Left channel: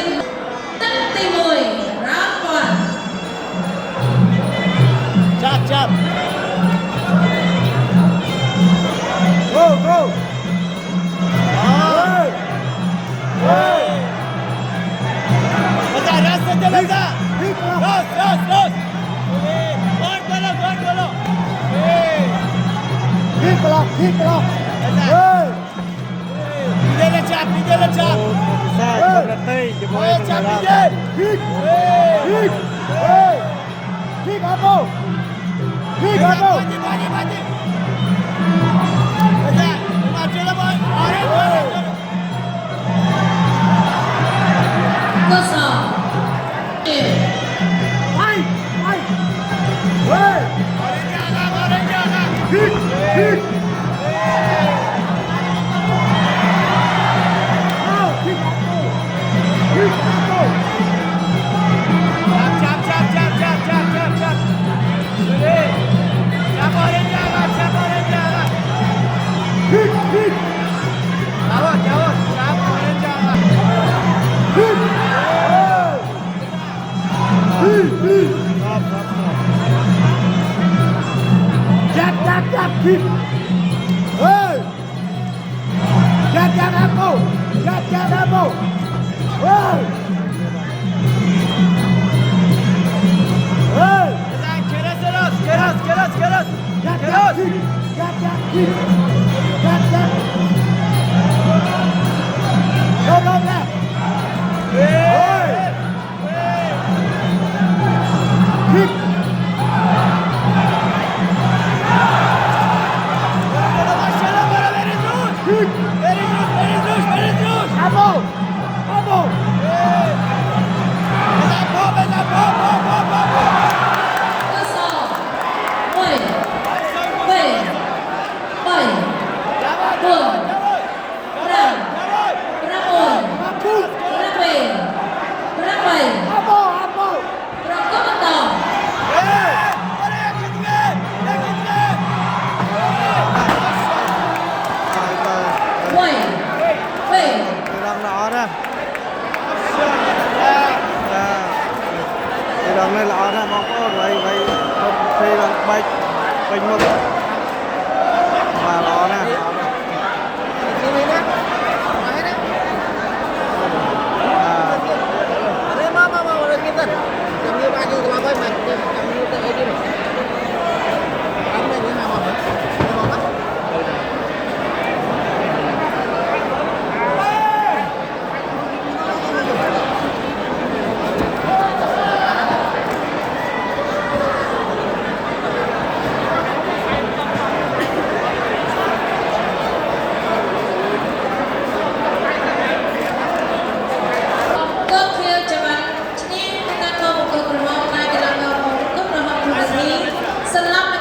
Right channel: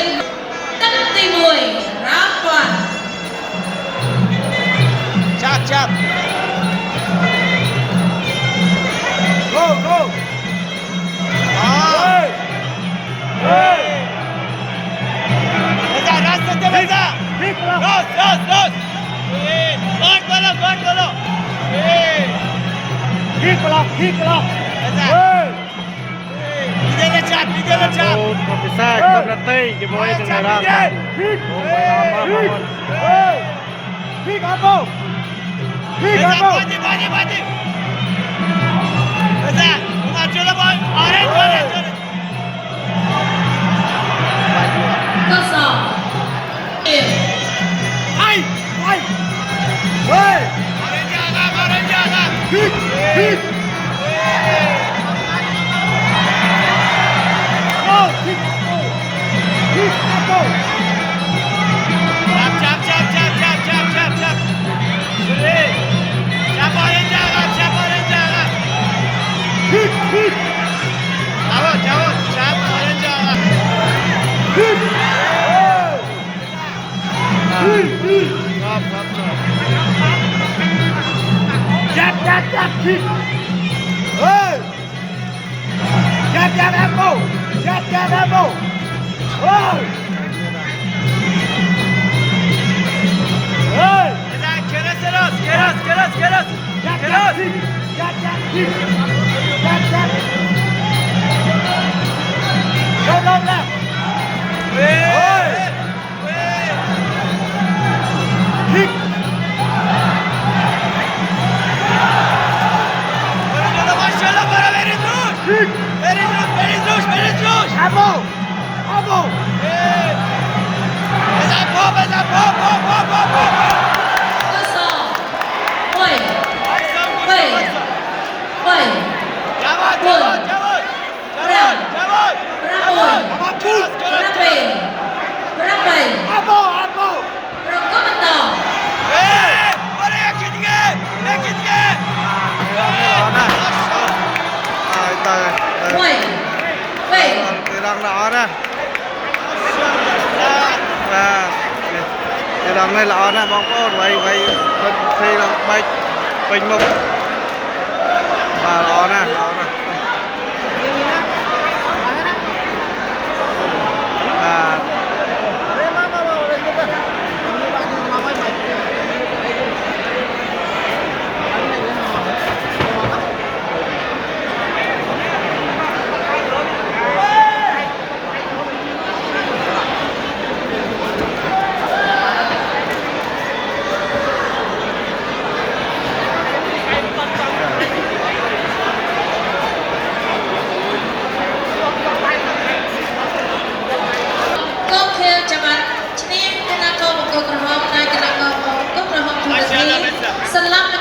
ជាតិទឹកទី1រ៉ាំពាន់ចាប់ Go go ពិសាកំណត់ទេជាមួយនឹងរ៉ាំកសោរងល្អណាស់បាទរងនេះល្អណាស់បងប្អូនໄວធ្វើឡើងបែកពេញមុខបាទល្អណាស់សន្លប់